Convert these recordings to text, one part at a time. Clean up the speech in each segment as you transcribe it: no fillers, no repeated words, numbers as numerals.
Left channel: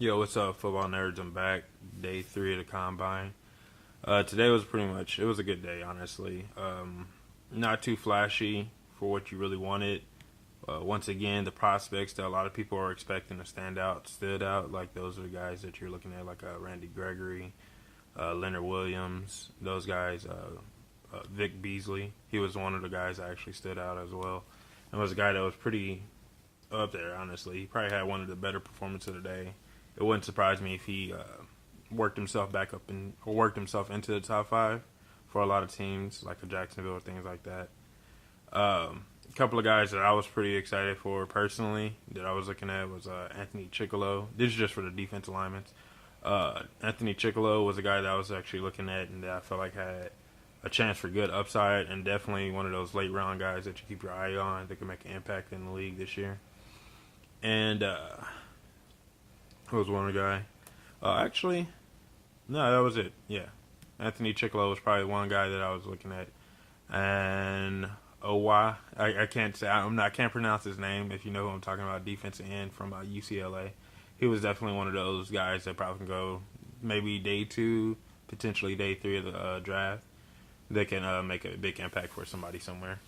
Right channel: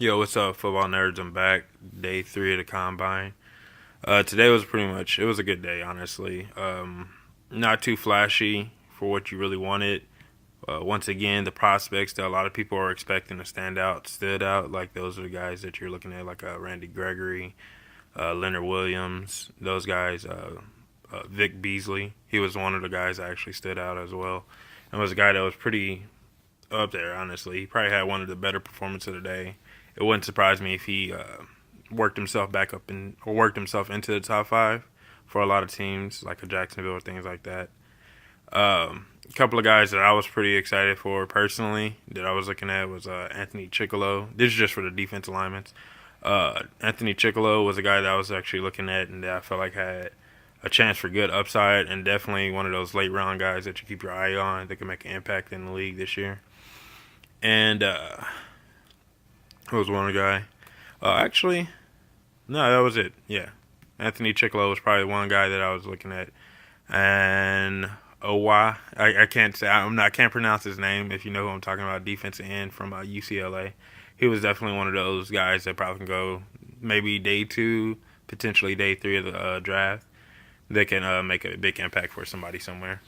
Yo, what's up, football nerds? I'm back. Day 3 of the combine. Today was it was a good day, honestly. Not too flashy for what you really wanted. Once again, the prospects that a lot of people are expecting to stand out stood out. Like, those are the guys that you're looking at, like Randy Gregory, Leonard Williams, those guys. Vic Beasley, he was one of the guys that actually stood out as well. And was a guy that was pretty up there, honestly. He probably had one of the better performances of the day. It wouldn't surprise me if he worked himself back up or worked himself into the top five for a lot of teams like a Jacksonville or things like that. A couple of guys that I was pretty excited for personally that I was looking at was Anthony Chickillo. This is just for the defensive linemen. Anthony Chickillo was a guy that I was actually looking at and that I felt like had a chance for good upside and definitely one of those late round guys that you keep your eye on that can make an impact in the league this year. And who was one guy? Actually, no, that was it. Yeah, Anthony Chickillo was probably one guy that I was looking at, and I can't say I can't pronounce his name. If you know who I'm talking about, defensive end from UCLA. He was definitely one of those guys that probably can go maybe day 2, potentially day 3 of the draft. They can make a big impact for somebody somewhere.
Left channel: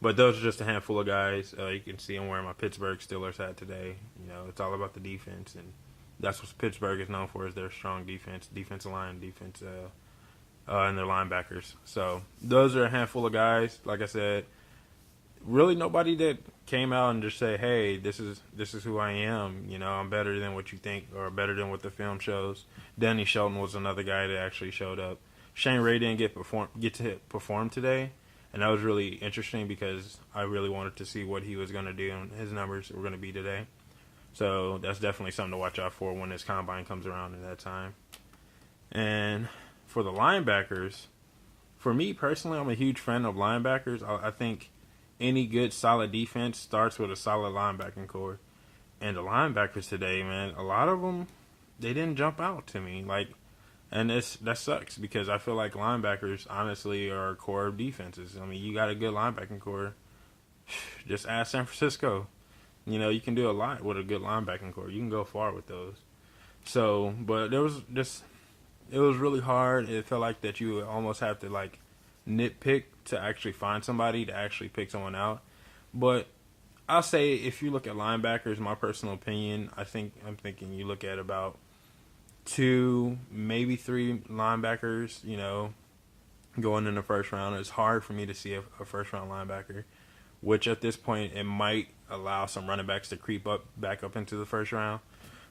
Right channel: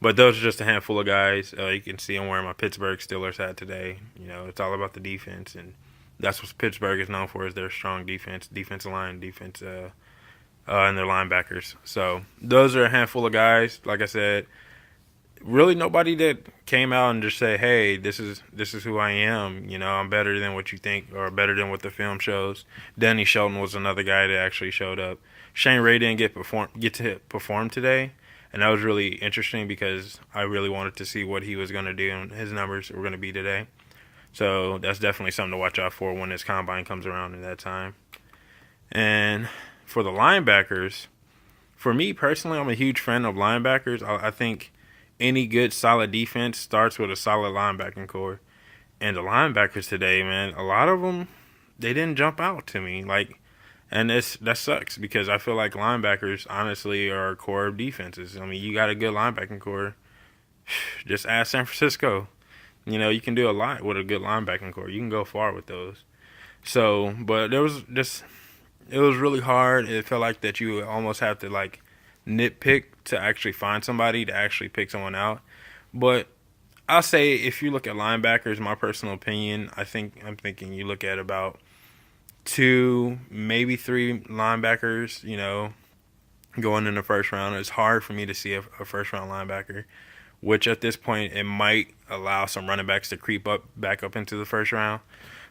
But those are just a handful of guys. You can see I'm wearing my Pittsburgh Steelers hat today. You know, it's all about the defense, and that's what Pittsburgh is known for, is their strong defense, defensive line, and their linebackers. So those are a handful of guys. Like I said, really nobody that came out and just say, "Hey, this is who I am." You know, I'm better than what you think, or better than what the film shows. Danny Shelton was another guy that actually showed up. Shane Ray didn't get to perform today. And that was really interesting because I really wanted to see what he was going to do and his numbers were going to be today. So that's definitely something to watch out for when this combine comes around in that time. And for the linebackers, for me personally, I'm a huge fan of linebackers. I think any good, solid defense starts with a solid linebacking core. And the linebackers today, man, a lot of them, they didn't jump out to me. And that sucks because I feel like linebackers, honestly, are a core of defenses. I mean, you got a good linebacking core. Just ask San Francisco. You know, you can do a lot with a good linebacking core. You can go far with those. So, but it was really hard. It felt like that you almost have to, like, nitpick to actually find somebody to actually pick someone out. But I'll say if you look at linebackers, my personal opinion, I'm thinking you look at about 2, maybe 3 linebackers, you know, going in the first round. It's hard for me to see a first-round linebacker, which at this point it might allow some running backs to creep back up into the first round.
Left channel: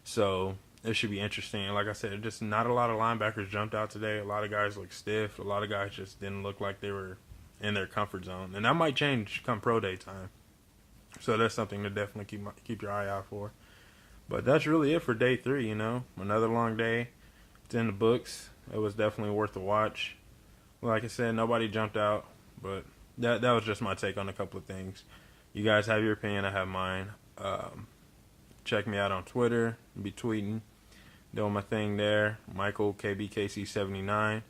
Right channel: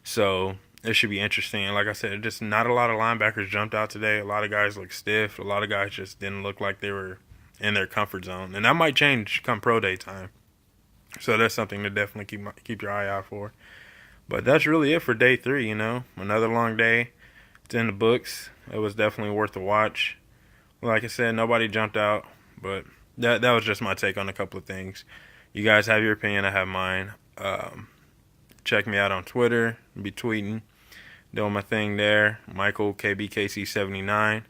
So it should be interesting. And like I said, just not a lot of linebackers jumped out today. A lot of guys looked stiff. A lot of guys just didn't look like they were in their comfort zone. And that might change come pro day time. So that's something to definitely keep your eye out for. But that's really it for day 3, you know. Another long day. It's in the books. It was definitely worth the watch. Like I said, nobody jumped out. But that was just my take on a couple of things. You guys have your opinion. I have mine. Check me out on Twitter. Be tweeting. Doing my thing there. Michael, KBKC79.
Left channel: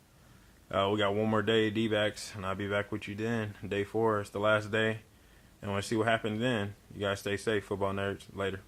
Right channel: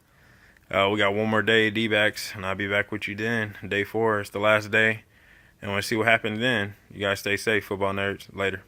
We got one more day of D-backs, and I'll be back with you then. Day 4 is the last day. And we'll see what happens then. You guys stay safe, football nerds. Later.